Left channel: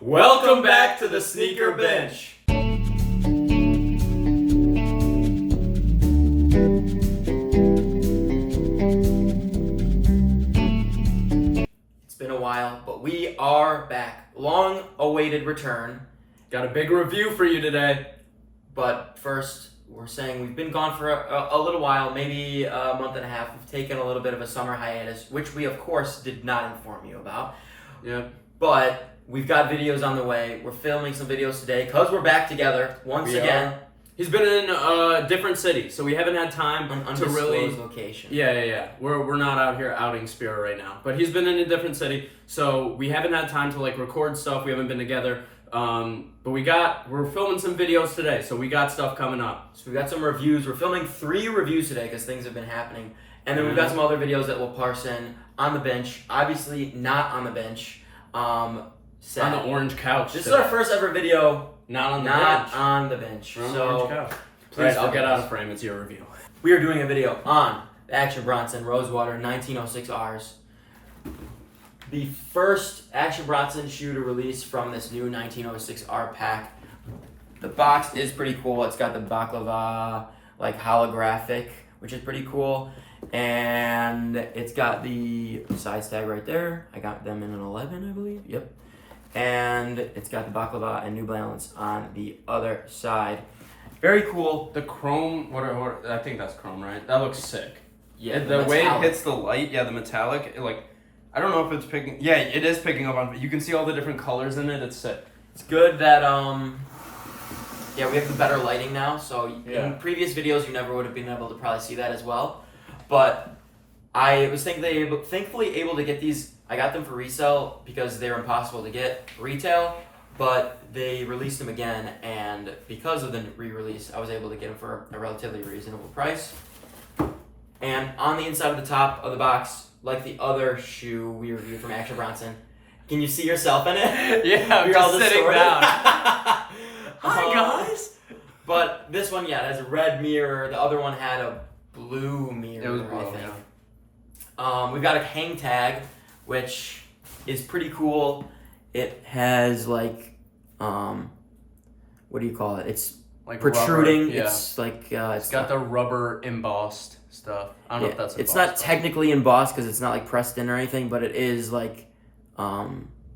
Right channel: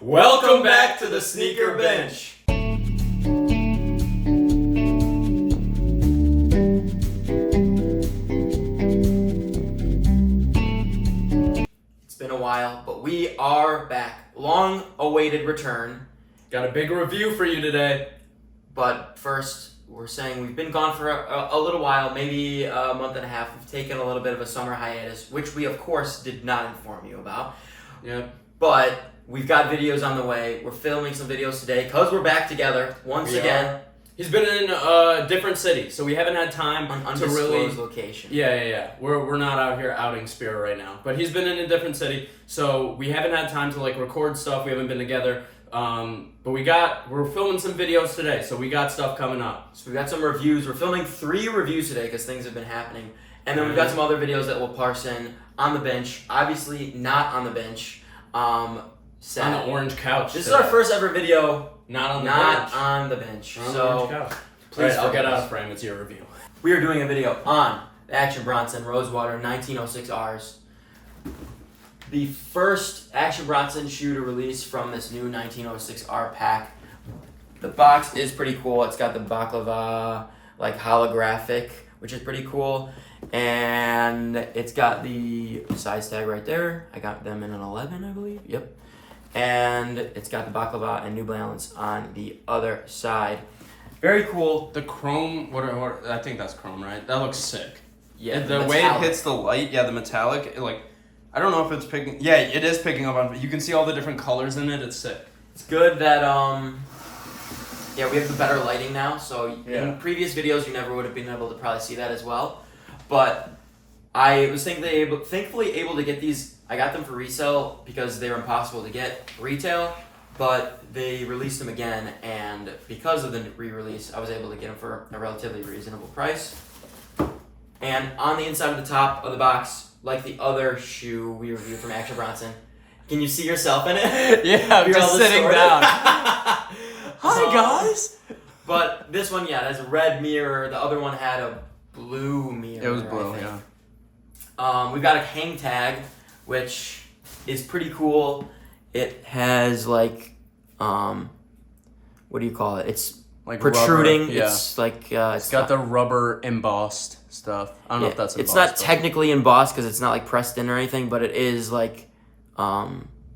Welcome back to the Sneaker Bench. It's been a while, but we are back. Long awaited return. Got a big review for you today. But first, we're saying we've been gone for a little while, maybe a month and a half. We've taken a little bit of a summer hiatus, which we, of course, did not inform you about. Yep. But we've got videos on the way. We're filming some videos today because we're back together once again. He's been in a different city, so we haven't had time to really location. Yeah. We're not out here outing Spyro right now, but he's been in a different city, so we haven't had time to record stuff. We haven't been together, but we're filming some videos today, so we got stuff coming up. So we got some reviews. We're filming 3 reviews today because things have been happening, and then we've got some other videos that we'll parse in on the bench. Obviously, not on the bench. On the orange couch. This is our first ever video. Not on the bench. So, on the orange couch. Please, I'll get out of frame. It's your review. We are doing a video on the Action Bronson Rosewater 1906Rs. The first Action Bronson shoe to release from this new 1906R pack. The box is pretty cool. It's got the baklava holographic, which is pretty cool. And it's got the size tag right there. I got them in an 11, I believe. Yep. And it's got the baklava and New Balance on the other side. Very cool. The chrome, what I think that's chrome, right? That looks sick. Yeah. The way it hits the light, the metallic, I don't know if it's picking. Yeah, it is picking up on. You can see all the different colors in it. It's sick. It's good that we have the better lighting now. So in previous videos, you never would have been able to probably see that as well. But I was thankfully able to get these. I got them for resale because they were impossible to get retail, but they released them again, and because of the re-release, I was able to get them for a relatively reasonable price. And on the inside of the top of the box, like the other shoe we reviewed from Action Bronson, can you see yourself in it? Yeah, I'm just sitting down. Hi, guys! But this one, it has a red mirror. The other one had a blue mirror, it was blue, I think. We've got a hang tag, which is pretty cool. It has what do you call it? It's protruding. Rubber, yeah. It's got the rubber embossed stuff. I don't know if that's embossed. It's not technically embossed because it's not pressed in or anything, but it is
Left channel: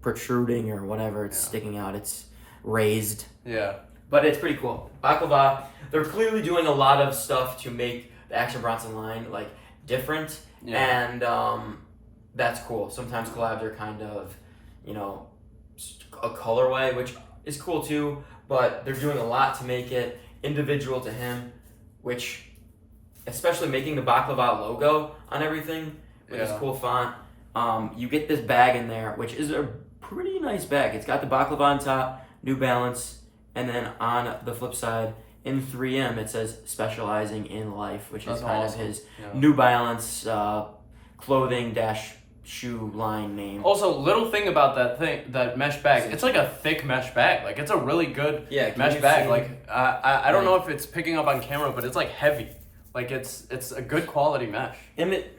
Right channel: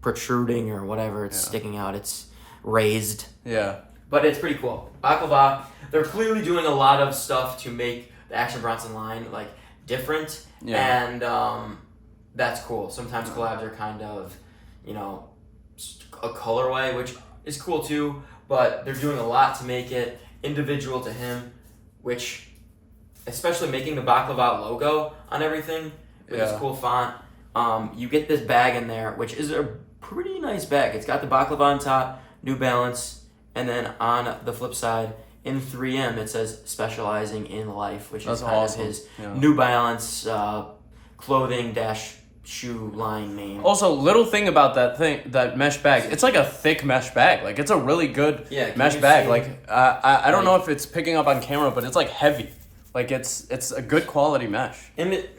protruding or whatever. It's sticking out. It's raised. Yeah. But it's pretty cool. Baklava. They're clearly doing a lot of stuff to make the Action Bronson line different. Yeah. And that's cool. Sometimes collabs are kind of, a colorway, which is cool too, but they're doing a lot to make it individual to him, which, especially making the baklava logo on everything with this cool font. You get this bag in there, which is a pretty nice bag. It's got the baklava on top, New Balance, and then on the flip side, in 3M, it says specializing in life, which is kind of his New Balance clothing -- shoe line name. Also, little thing about that mesh bag, it's like a thick mesh bag. It's a really good mesh bag. I don't know if it's picking up on camera, but it's heavy. It's a good quality mesh. And it,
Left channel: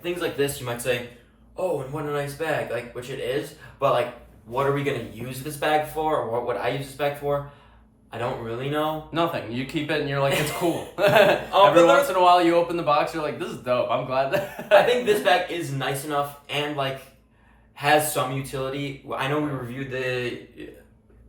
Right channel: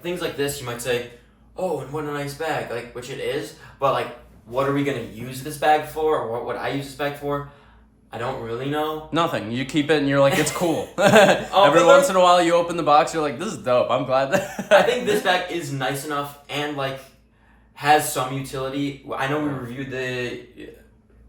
things like this, you might say, oh, and what a nice bag, which it is, but what are we gonna use this bag for, or what would I use this bag for? I don't really know. Nothing. You keep it and you're it's cool. Every once in a while you open the box, you're this is dope. I'm glad that I think this bag is nice enough and has some utility. I know we reviewed the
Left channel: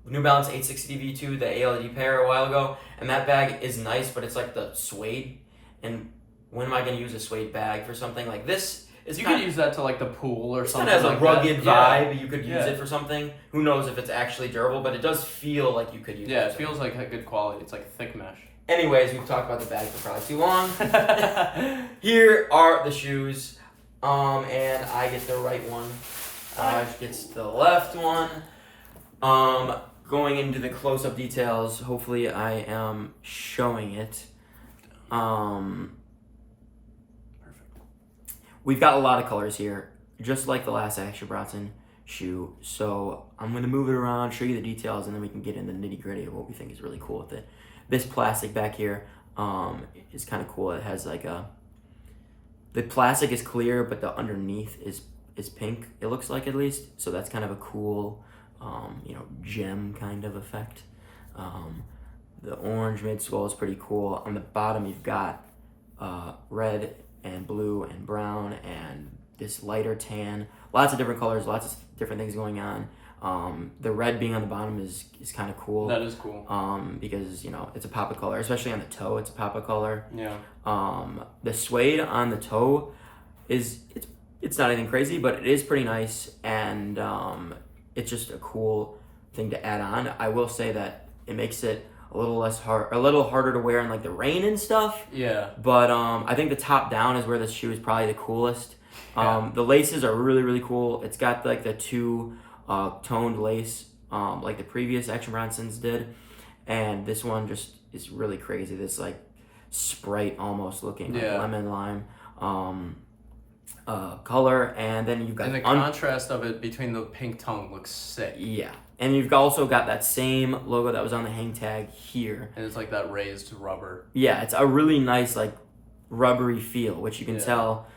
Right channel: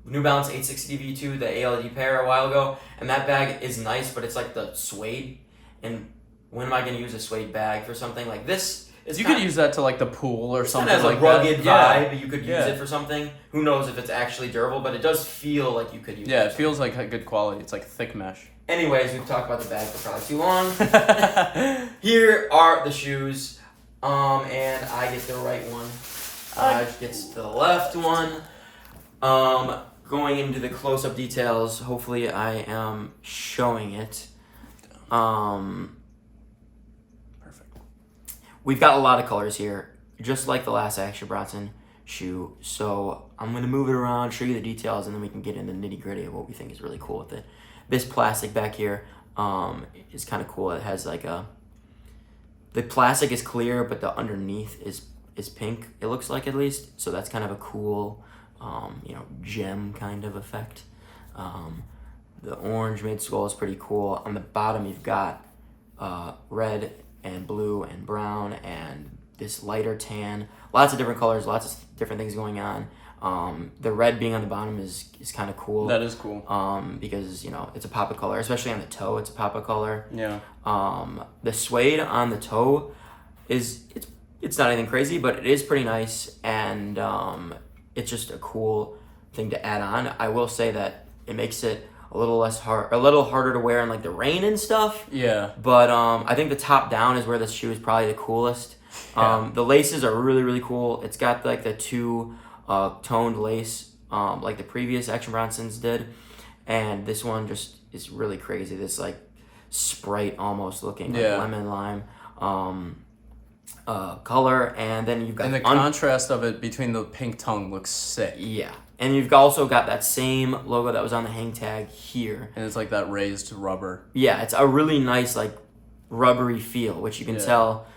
New Balance 860 V2, the ALD pair a while ago, and that bag is nice, but it's the suede. And when am I going to use a suede bag for something like this? You could use that to the pool or something. It has a rugged vibe. You could use it for something. Who knows if it's actually durable, but it does feel like you could use it. Yeah, it feels like a good quality. It's thick mesh. Anyways, we've talked about the bag for probably too long. Here are the shoes, and I get the right one. Raj gets the left one. Going into the close-up details, hopefully I am showing it. We've got a lot of colors here, just like the last Action Bronson shoe. So I'm going to move it around, show you the details, and then we can get into the nitty-gritty of what we think is really cool with it. This plastic back here is kind of cool. It has the plastic is clear, but the underneath is pink, it looks like, at least. So that's kind of a cool gem kind of effect. The orange midsole is pretty cool. On the bottom, you've got red and blue and brown and this lighter tan. Lots of different colors, lots of different things going on. The red being on the bottom is kind of cool. That is cool. Because it's a pop of color, especially on the toe. It's a pop of color. Yeah. The suede on the toe it's not anything crazy, but it is pretty nice, and it's just a cool thing to add on. I will say that it makes it a little harder to wear in like the rain and stuff. Yeah. But I think the top down is where the shoe is probably the coolest. The laces are really, really cool. It's got like the two toned lace, like the previous Action Bronsons did, and this one just is really crazy. This like Sprite almost looking like lemon lime color, and then you've got and the contrast of it between the pink tongue looks sick. Yeah, and you've also got that same logo that was on the hang tag here, and it's like that raised rubber. Yeah, it's a really nice like rubbery feel, which you can tell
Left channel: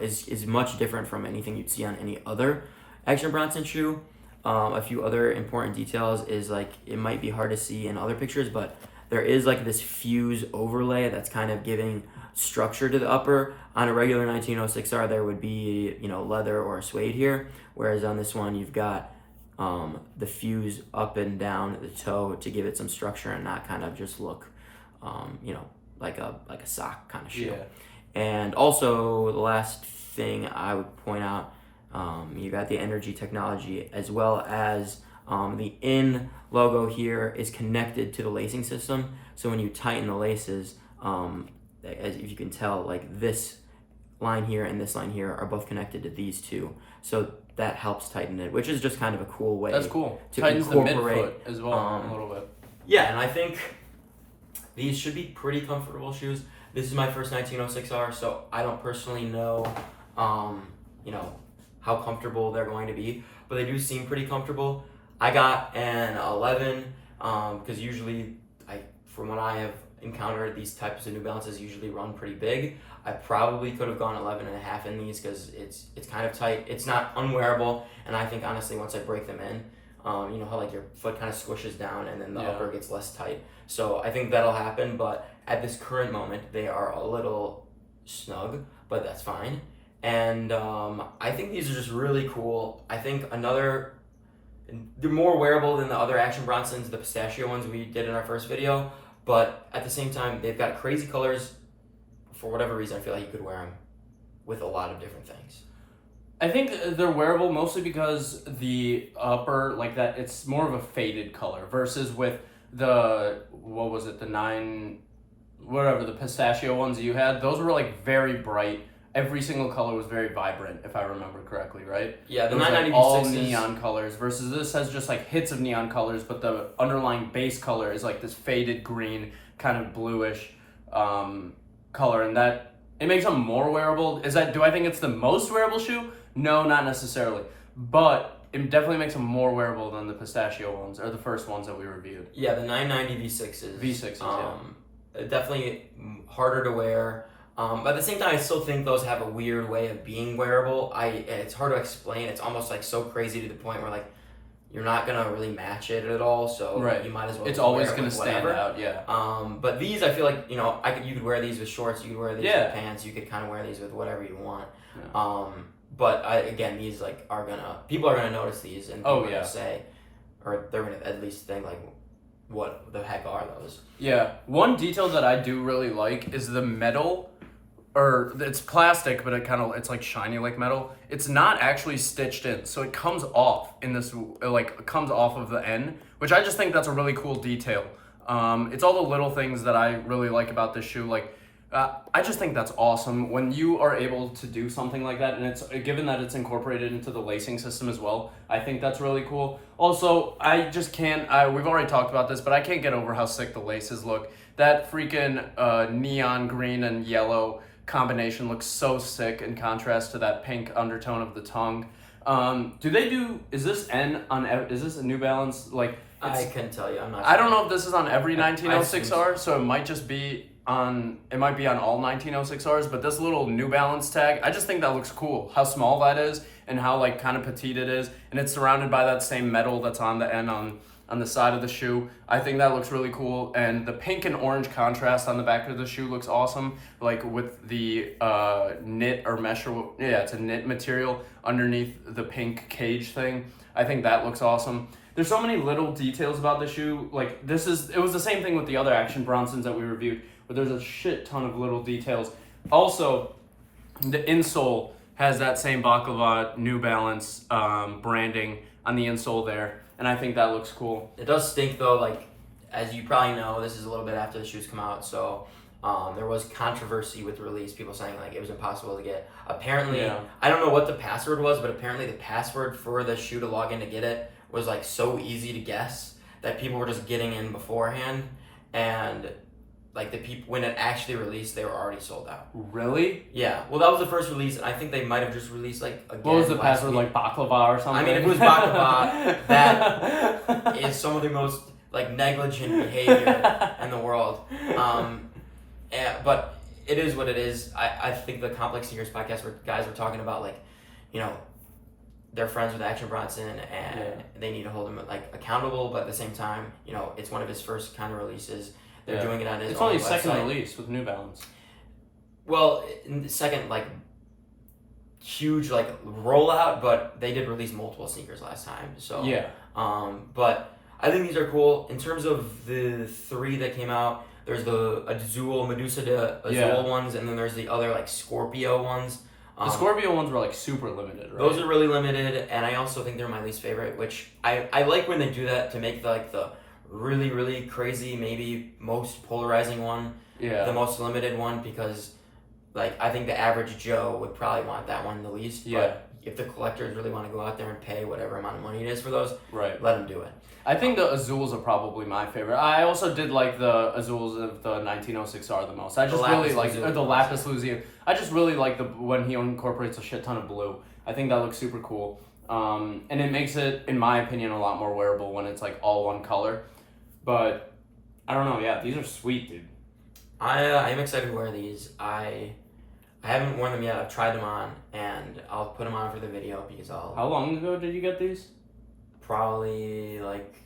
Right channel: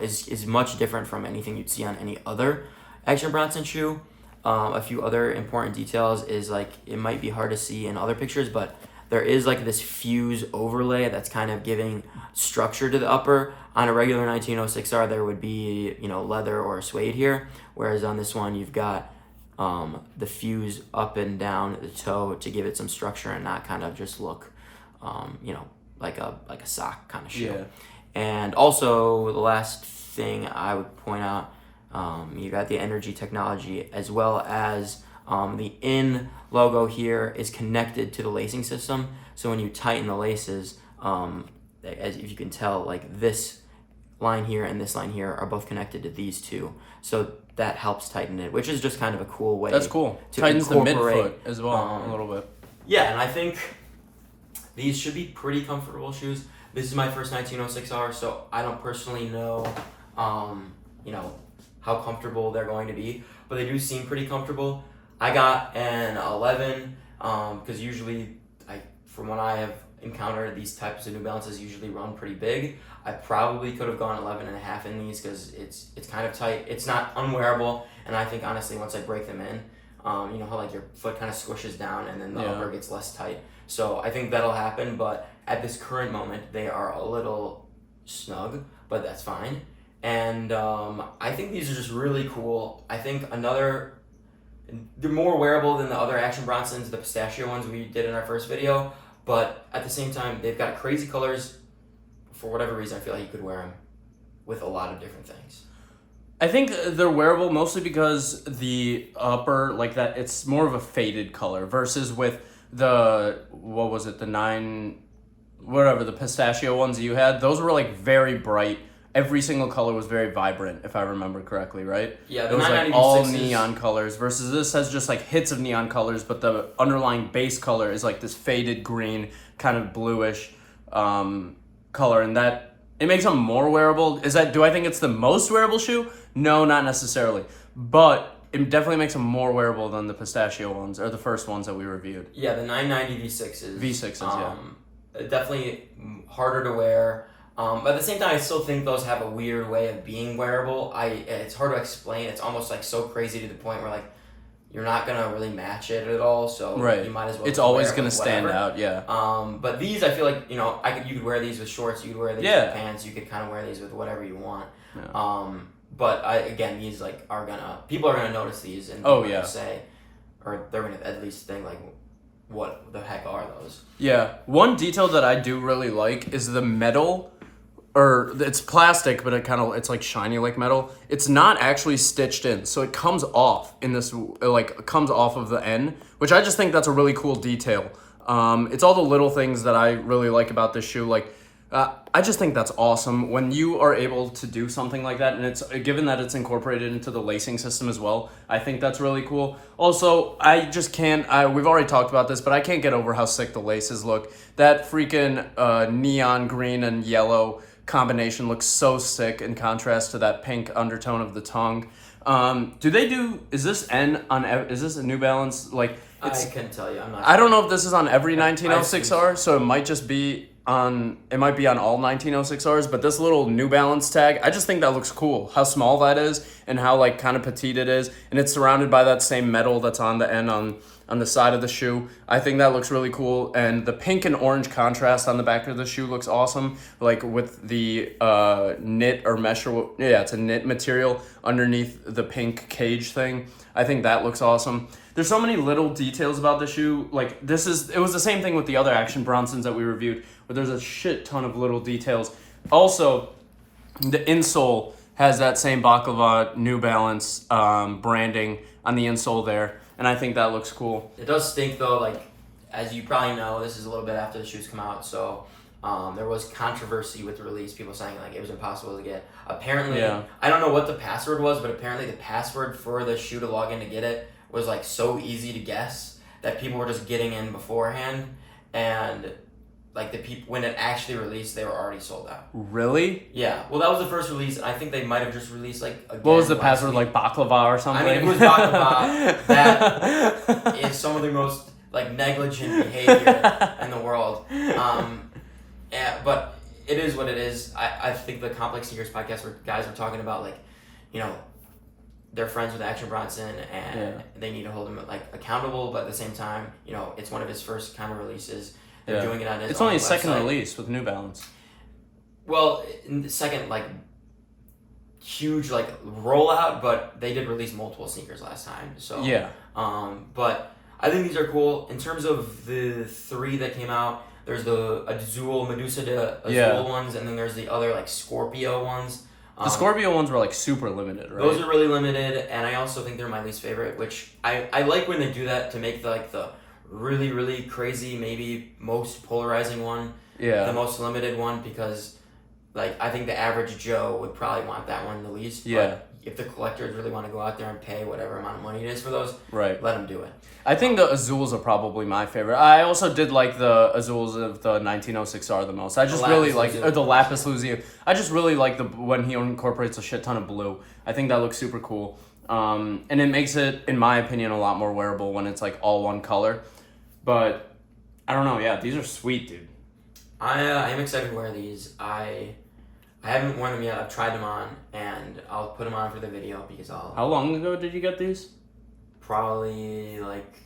is much different from anything you'd see on any other Action Bronson shoe. A few other important details is like it might be hard to see in other pictures, but there is like this fuse overlay that's kind of giving structure to the upper. On a regular 1906R, there would be leather or suede here, whereas on this one you've got the fuse up and down the toe to give it some structure and not kind of just look like a sock kind of shoe. And also the last thing I would point out, you got the energy technology as well as the in logo here is connected to the lacing system. So when you tighten the laces, as if you can tell, like this line here and this line here are both connected to these two. So that helps tighten it, which is just kind of a cool way. That's cool. To Tightens incorporate the midfoot as well a little bit. Yeah, and I think these should be pretty comfortable shoes. This is my first 1906R, so I don't personally know, how comfortable they're going to be, but they do seem pretty comfortable. I got an 11 because usually, from what I have encountered, these types of New Balances usually run pretty big. I probably could have gone 11 and a half in these because it's kind of tight. It's not unwearable, and I think honestly once I break them in, you know how like your foot kind of squishes down and then the upper gets less tight. So I think that'll happen, but at this current moment they are a little snug, but that's fine. And I think these are just really cool. I think they're more wearable than the other Action Bronsons, the pistachio ones we did in our first video, but at the same time they've got crazy colors. For whatever reason, I feel like you could wear them with a lot of different things. I think they're wearable mostly because the upper, like that, it's more of a faded color versus with the pistachio ones you had. Those were like very bright. Every single color was very vibrant, if I remember correctly, right? Yeah, the 990 all all neon colors versus this has just like hits of neon colors, but the underlying base color is like this faded green, kind of bluish color, and that it makes them more wearable. Do I think it's the most wearable shoe? No, not necessarily, but it definitely makes them more wearable than the pistachio ones or the first ones that we reviewed. Yeah, the 990 V6s. V6s, definitely harder to wear. But at the same time, I still think those have a weird way of being wearable. It's hard to explain. It's almost like so crazy to the point where like you're not gonna really match it at all. So you might as well. It's always gonna stand out. Yeah. But these, I feel like you could wear these with shorts. You could wear these with pants. You could kind of wear these with whatever you want. Yeah. But these like people are gonna notice these and people are gonna say, or they're gonna at least think like, what the heck are those? Yeah. One detail that I do really like is the metal. Or it's plastic, but it's like shiny like metal. It's not actually stitched in, so it comes off in this comes off of the end, which I just think that's a really cool detail. It's all the little things that I really like about this shoe. I just think that's awesome when you are able to do something like that, and it's given that it's incorporated into the lacing system as well. I think that's really cool. Also, I just can't. We've already talked about this, but I can't get over how sick the laces look. That freaking neon green and yellow combination looks so sick in contrast to that pink undertone of the tongue. Is this a New Balance? I couldn't tell you. I'm not sure. I don't know if this is on every 1906R, so it might just be it might be on all 1906Rs, but this little New Balance tag, I just think that looks cool. How small that is and how like kind of petite it is, and it's surrounded by that same metal that's on the end on the side of the shoe. I think that looks really cool, and the pink and orange contrast on the back of the shoe looks awesome, like with the knit or mesh, it's a knit material underneath the pink cage thing. I think that looks awesome. There's so many little details about the shoe. Like it was the same thing with the other Action Bronsons that we reviewed, but there's a shit ton of little details. Also, the insole has that same Baklava New Balance branding on the insole there, and I think that looks cool. It does stink though, like, as you probably know, this is a little bit after the shoes come out, so there was controversy with the release, people saying like it was impossible to get. Apparently, I don't know what the password was, but apparently the password for the shoe to log in to get it was like so easy to guess that people were just getting in beforehand, and like the people, when it actually released, they were already sold out. Really? Yeah. Well, that was the first release, and I think they might have just released like again. What was the password, like baklava or something? I mean, if it was baklava, that is some of the most like negligent behavior in the world. But it is what it is. I think the Complex Sneakers podcast where guys were talking about like, you know, they're friends with Action Bronson and they need to hold him like accountable, but at the same time, you know, it's one of his first kind of releases. They're doing it on his own website. It's only his second release with New Balance. Well, in the second like huge like rollout, but they did release multiple sneakers last time. So but I think these are cool. In terms of the three that came out, there's the Azul Medusa de Azul ones, and then there's the other like Scorpio ones. The Scorpio ones were like super limited, right? Those are really limited, and I also think they're my least favorite, which I like when they do that to make the really, really crazy, maybe most polarizing one, the most limited one, because like I think the average Joe would probably want that one the least. But if the collectors really want to go out there and pay whatever amount of money it is for those, let them do it. I think the Azuls are probably my favorite. I also did like the Azuls of the 1906R the most. I just really like the Lapis Lazuli. I just really like when he incorporates a shit ton of blue. I think that looks super cool. And it makes it, in my opinion, a lot more wearable when it's like all one color. But I don't know. Yeah, these are sweet, dude. I'm excited to wear these. I haven't worn them yet. I've tried them on, and I'll put them on for the video because I'll. How long ago did you get these? Probably like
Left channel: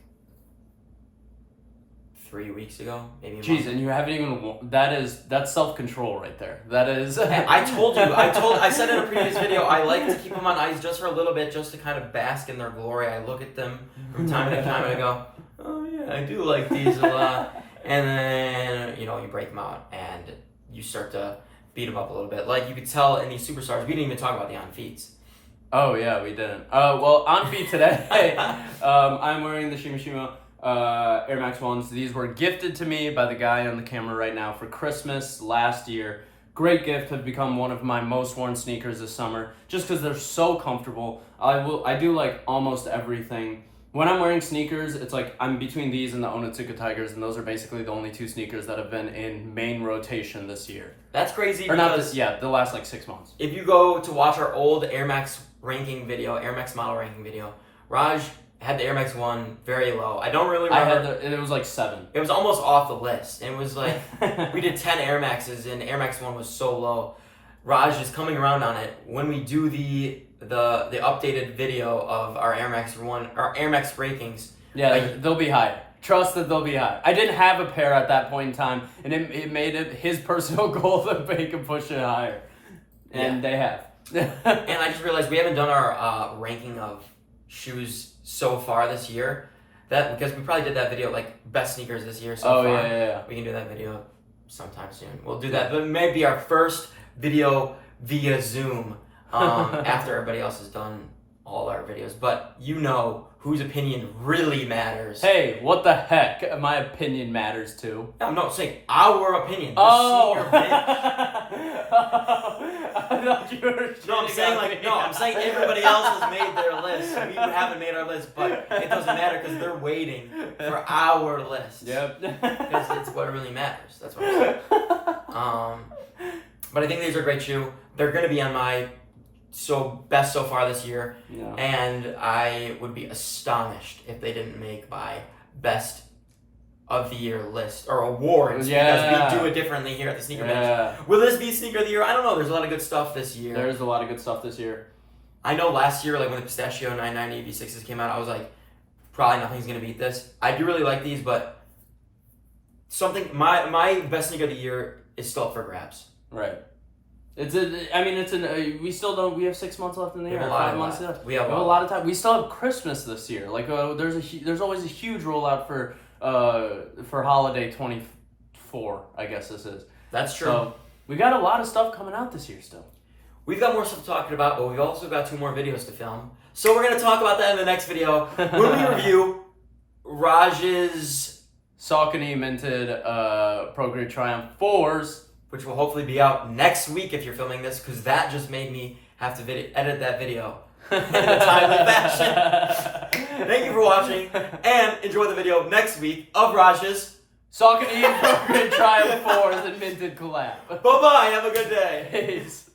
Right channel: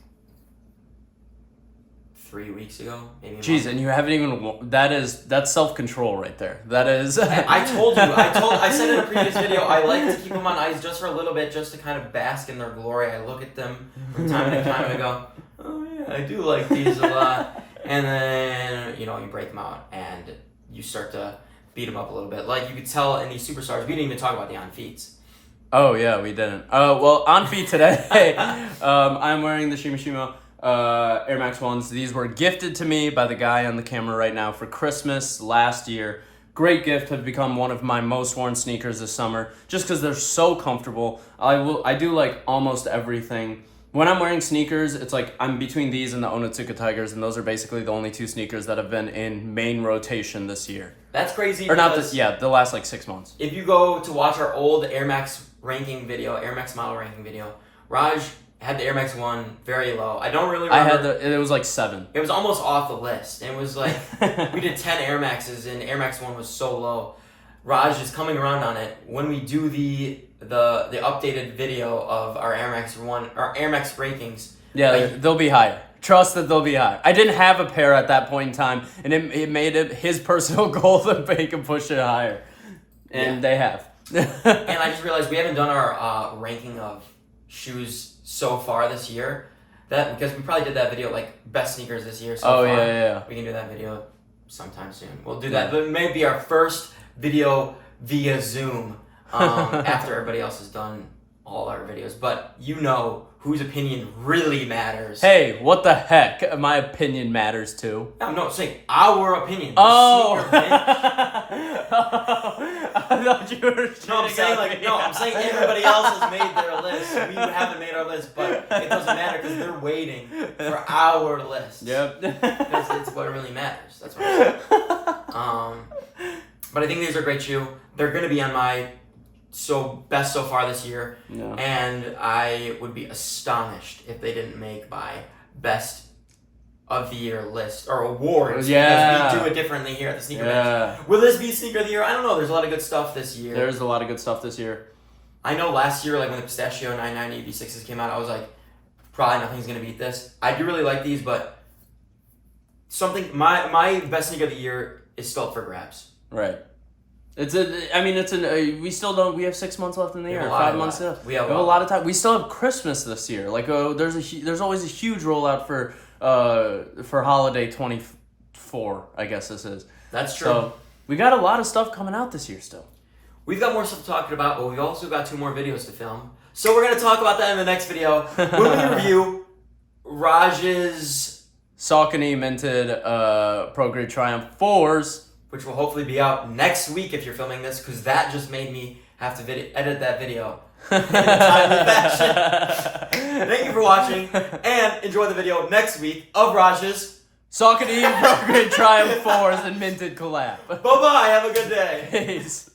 3 weeks ago, maybe. Jeez, and you haven't even. That's self-control right there. That is. I told you. I said in a previous video. I like to keep them on ice just for a little bit, just to kind of bask in their glory. I look at them from time to time and I go, oh yeah, I do like these a lot. And then you break them out and you start to beat them up a little bit. Like you could tell in these superstars. We didn't even talk about the on feets. Oh yeah, we didn't. Well, on feet today, I'm wearing the Shimashima Air Max 1s. These were gifted to me by the guy on the camera right now for Christmas last year. Great gift, have become one of my most worn sneakers this summer, just because they're so comfortable. I do like almost everything. When I'm wearing sneakers, it's like I'm between these and the Onitsuka Tigers, and those are basically the only two sneakers that have been in main rotation this year. That's crazy. Or not this, the last like 6 months. If you go to watch our old Air Max ranking video, Air Max model ranking video, Raj had the Air Max 1 very low. I don't really remember. It was like 7. It was almost off the list. It was like, we did 10 Air Maxes and Air Max 1 was so low. Raj is coming around on it. When we do the updated video of our Air Max 1, our Air Max rankings. Yeah, they'll be higher. Trust that they'll be high. I didn't have a pair at that point in time, and it made it his personal goal to make him push it higher. And they have. And I just realized we haven't done our ranking of shoes so far this year. That because we probably did that video like best sneakers this year so far. Yeah. We can do that video sometime soon. We'll do that, but it may be our first video via Zoom after everybody else has done all our videos. But whose opinion really matters. Hey, what the heck? My opinion matters too. No, I'm not saying our opinion. Oh! Sneaker opinion. I thought you were I'm saying everybody else has made their list. We haven't made our list, but it doesn't matter because they're waiting for our list. Yep. Because it's what really matters. That's what I'm saying. But I think these are a great shoe. They're going to be on my best so far this year, and I would be astonished if they didn't make my best of the Year list or awards because we do it differently here at the Sneaker Bench. Will this be Sneaker of the Year? I don't know. There's a lot of good stuff this year. There's a lot of good stuff this year. I know last year, like when the Pistachio 990 V6s came out, I was like, probably nothing's gonna beat this. I do really like these, but my best sneaker of the year is still up for grabs. Right. We still don't. We have 6 months left in the year. We have 5 months left. We have a lot of time. We still have Christmas this year. Like there's always a huge rollout for holiday 24. I guess this is. That's true. So we got a lot of stuff coming out this year still. We've got more stuff to talk about, but we've also got 2 more videos to film. So we're gonna talk about that in the next video when we review Raj's Saucony minted Pro Grade Triumph 4s, which will hopefully be out next week if you're filming this, because that just made me have to edit that video in a timely fashion. Thank you for watching, and enjoy the video next week of Raj's Saucony Pro Grade Triumph 4s and minted collab. Bye-bye, have a good day. Peace.